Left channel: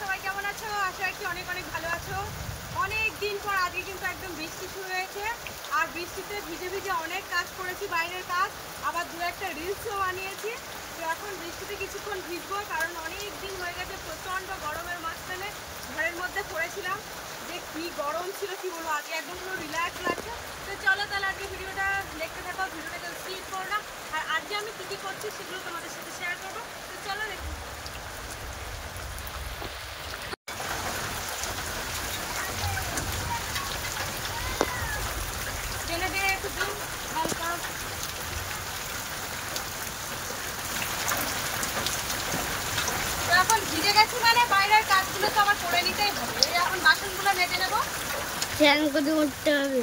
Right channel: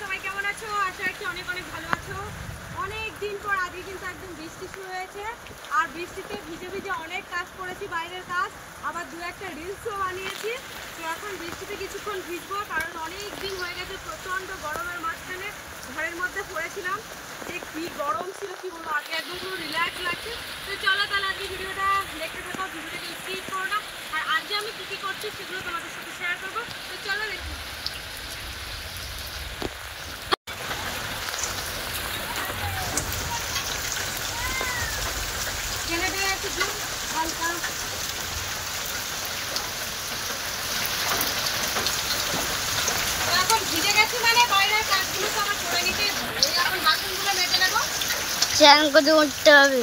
সবাই কেমন আছো? আশা রাখছি অনেক অনেক ভালো আছো। অনেক দিন পর আজকে কিন্তু একদম বৃষ্টি শুরু হয়েছে, আর বৃষ্টিতে ভিজে ভিজে অনেক কাজ করেছি, বাইরের কাজ, আবার দু একটা রিলসও বানিয়েছি। তো এখন বৃষ্টিতে কিছুক্ষণ ভিজবো, কারণ অনেক দিন হয়ে গেছে প্রচণ্ড গরমের মাঝখানে ঘরের মধ্যে পড়েছিলাম। যে কী গরম ছিল কি বলবো, আজকে একদম পুরো রিল্যাক্স লাগছে। তো চলো তাহলে আজকে ভিডিওটা দেখতে থাকো, ভিডিওটাকে স্কিপ করো না। আর আজকে আমি কী কী করছি সেগুলো তোমাদের সাথে শেয়ার করবো। তো চলো দেখি। ছেলে দিয়ে একটু জুম হালকা। এখন ভিজে গেছি মানে বাইরের কাজগুলো তো আমার করে নিতেই হবে। এই এখন বাসনগুলো মেজে নেবো, স্নান করে উঠতে হবে।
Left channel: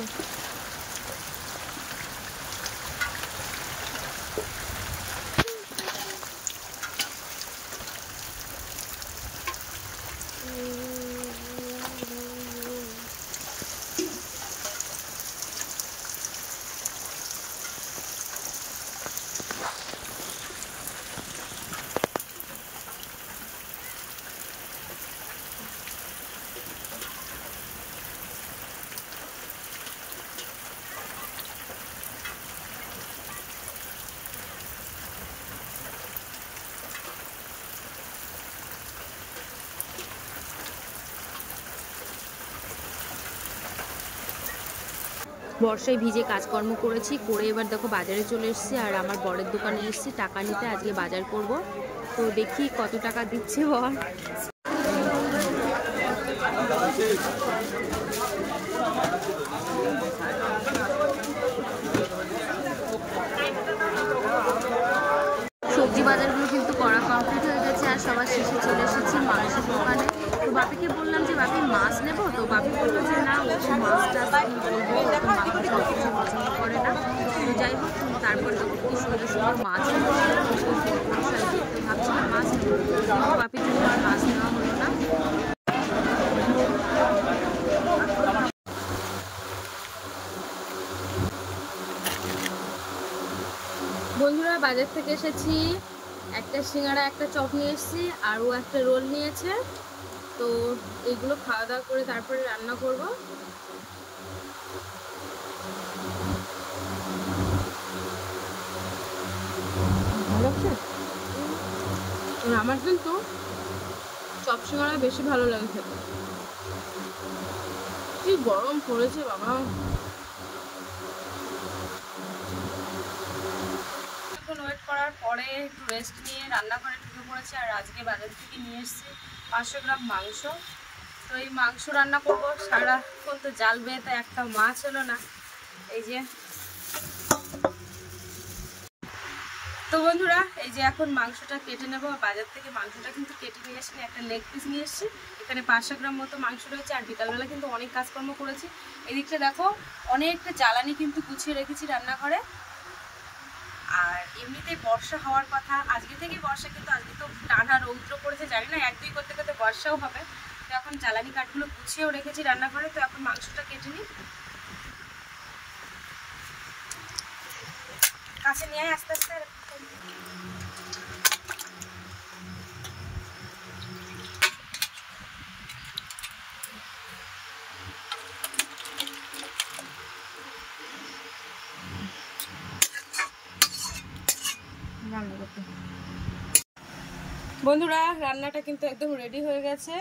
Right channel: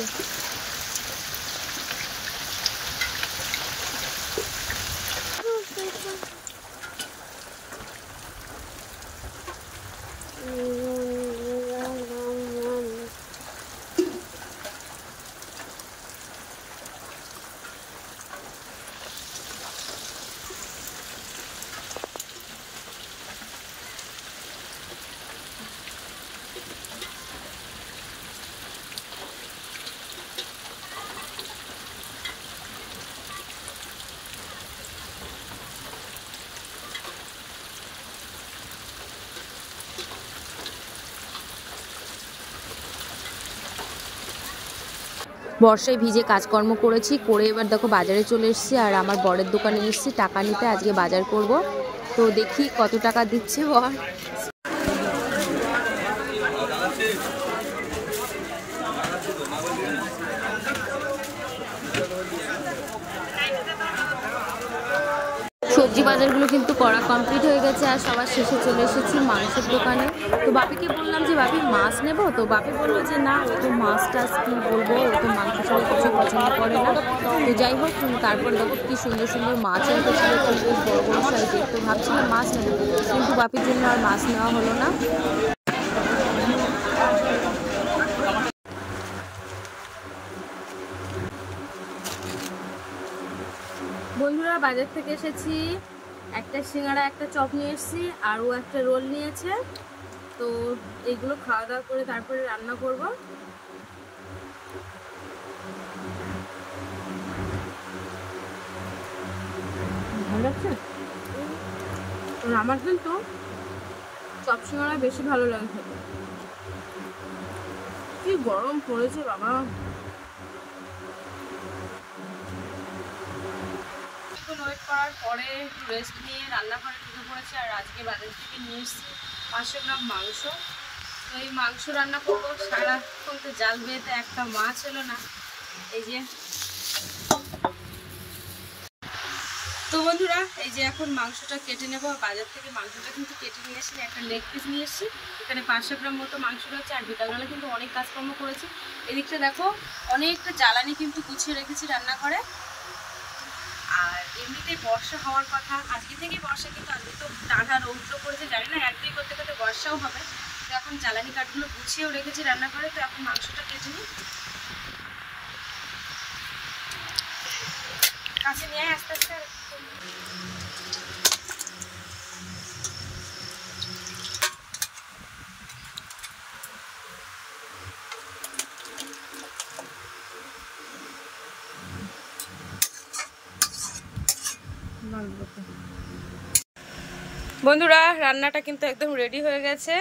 বর্ষায় ভিজে কাজকর্ম করেছি, করে এবার দেখো বাজারে চলে এসেছি। আর আমার বরের দোকানে এসেছি টাকা নিতে, আজকে বাজার করব। তো দেখি কত টাকা দিচ্ছে বর। সবজি বাজারগুলো কিন্তু করা কমপ্লিট হয়ে গেছে, আর সবার শেষে চলে এসেছি মাংসের দোকানে। তো বাপিকে বললাম যে বাপি মাছ নেবো, তো বাপি বললো যে না, ও তো মাছ টাছ কী বলবো, ও তো মাংস সব কিছু পছন্দ করে না। তো যাই হোক, তারপরে দেখো কি সুন্দর সুন্দর মাছ এনেছিল, বেশ বড় বড় সাইজের। তো ভাবছিলাম মাছ নেবো, কিন্তু বাপির জন্য আর মাছ নেওয়া হলো না। বন্ধুরা, বাজার থেকে এসেছি, একটা সিঙ্গাড়া একটা চপ নিয়ে এসেছি, আর ও একটা রোল নিয়েছে। তো এইগুলো খাওয়া দাওয়া করে তারপরে রান্না করব। ভালো লাগছে আমার, কিন্তু চপ সিঙ্গাড়া বেশি ভালো লাগে খেতে। কি গরম পড়েছে বাবা। ওয়েট করার পরে রেস্ট নিয়ে রান্নাঘরে ঢুকে পড়েছি। আর আজকে বাজার থেকে নিয়ে এসেছি 500 গ্রাম মাংস। তো এই মাংস রান্না করবো। সারাক্ষণ তো জাল বেঁধে একটা মাছ হলো না। এই যে, তো বন্ধুরা, এই যে এখন মাংসটা কেটে নেব। বাজার থেকে মাংসটা কিন্তু কেটে নিয়ে এসেছি, একটা লেগ পিস নিয়ে এসেছি। এখানে 500 গ্রাম মতো মাংস রয়েছে। আর বিকালবেলা কিন্তু অনেক কাজকর্ম করেছি। এদিকটা দেখো, অনেকটা জ্বালানি কিন্তু গুছিয়ে রেখেছি রান্নাঘরে। আর এমনিতেই বর্ষা হওয়ার কথা, আজকে থেকেই বর্ষা, কিন্তু আজকে তো টানা রৌদ্র পড়েছে, জানি না 1-2 করতে করতে বর্ষাও হবে। তো এখন জ্বালানি কাঠগুলো গুছিয়েও রেখেছি রান্নাঘরে। তো এখন মাংসটা কেটে নিই। কাছে নিয়ে আস্তে আস্তে। বন্ধুরা, রান্নাটা কিন্তু একদম রেডি হয়ে গেছে।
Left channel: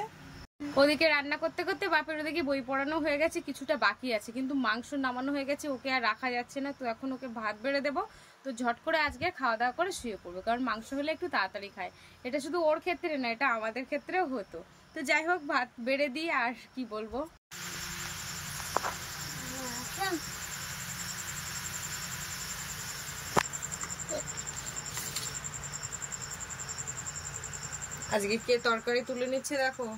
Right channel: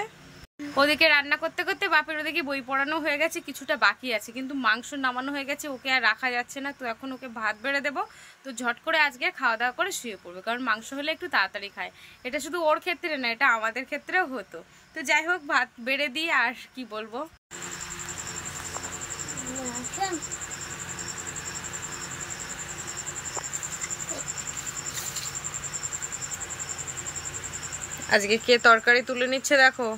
ওদিকে রান্না করতে করতে বাপের ওদিকে বই পড়ানো হয়ে গেছে, কিছুটা বাকি আছে, কিন্তু মাংস নামানো হয়ে গেছে। ওকে আর রাখা যাচ্ছে না, তো এখন ওকে ভাত বেড়ে দেবো। তো ঝট করে আজকে খাওয়া দাওয়া করে শুয়ে পড়বে, কারণ মাংস হলে একটু তাড়াতাড়ি খায়। এটা শুধু ওর ক্ষেত্রে না, এটা আমাদের ক্ষেত্রেও হতো। তো যাই হোক, ভাত বেড়ে দিই। আর কি বলবো, আজকে কে তরকারি তুলে নিচ্ছে দেখো।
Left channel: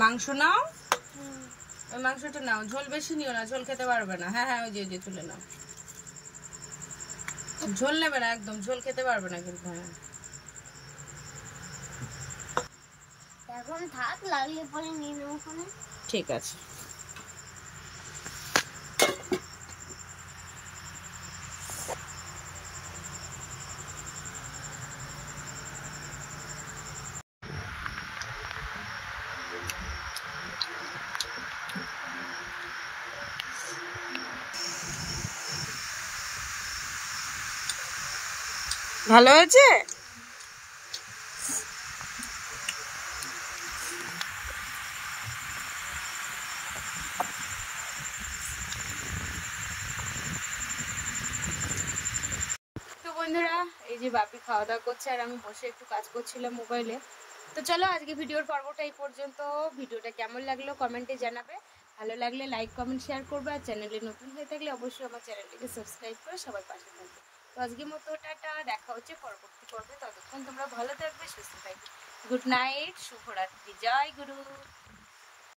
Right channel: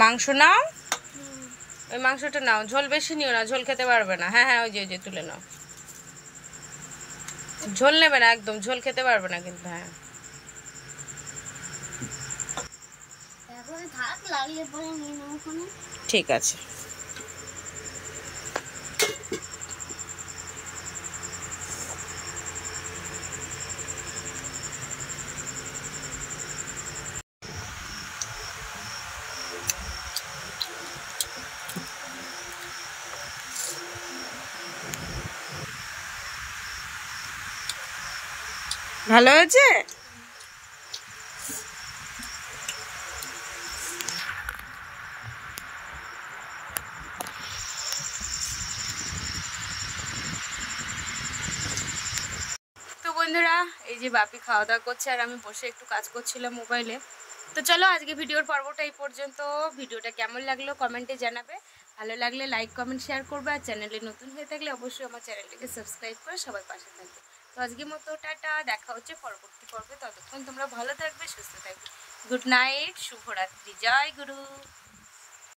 মাংস নাও, ওই মাংসটা নাও, ঝোল বেশি নিও না, ঝোল খেতে পারবে না। হ্যাঁ হ্যাঁ, ওই যে তুলে নাও। ঝোল নেবে না একদম, ঝোল খেতে পারবে না কিন্তু। হ্যাঁ, এখন থাক, লাগলে পরে নিয়ে নেবো। ঠিক আছে। ভালো হয়েছে? তো বন্ধুরা, এই যে বাপি খাওয়া দাওয়া করছে আর আমি বসে একটু কাজ করছিলাম মোবাইলে। তো চলো আজকে ভিডিওর পর্বটা এই পর্যন্ত। ভিডিওটা কেমন লাগলো কমেন্টে জানাবে, ভালো লাগলে লাইক কমেন্ট শেয়ার করবে, আর চ্যানেলে নতুন হয়ে থাকলে অবশ্যই আমার চ্যানেলটিকে সাবস্ক্রাইব করে সবাই পাশে থাকবে। তো আজকের মতো টাটা, দেখা হচ্ছে পরবর্তী পর্বে। ততক্ষণ তোমরা ভালো থাকবে, সুস্থ থাকবে। গুড নাইট, শুভরাত্রি, জয় গুরু।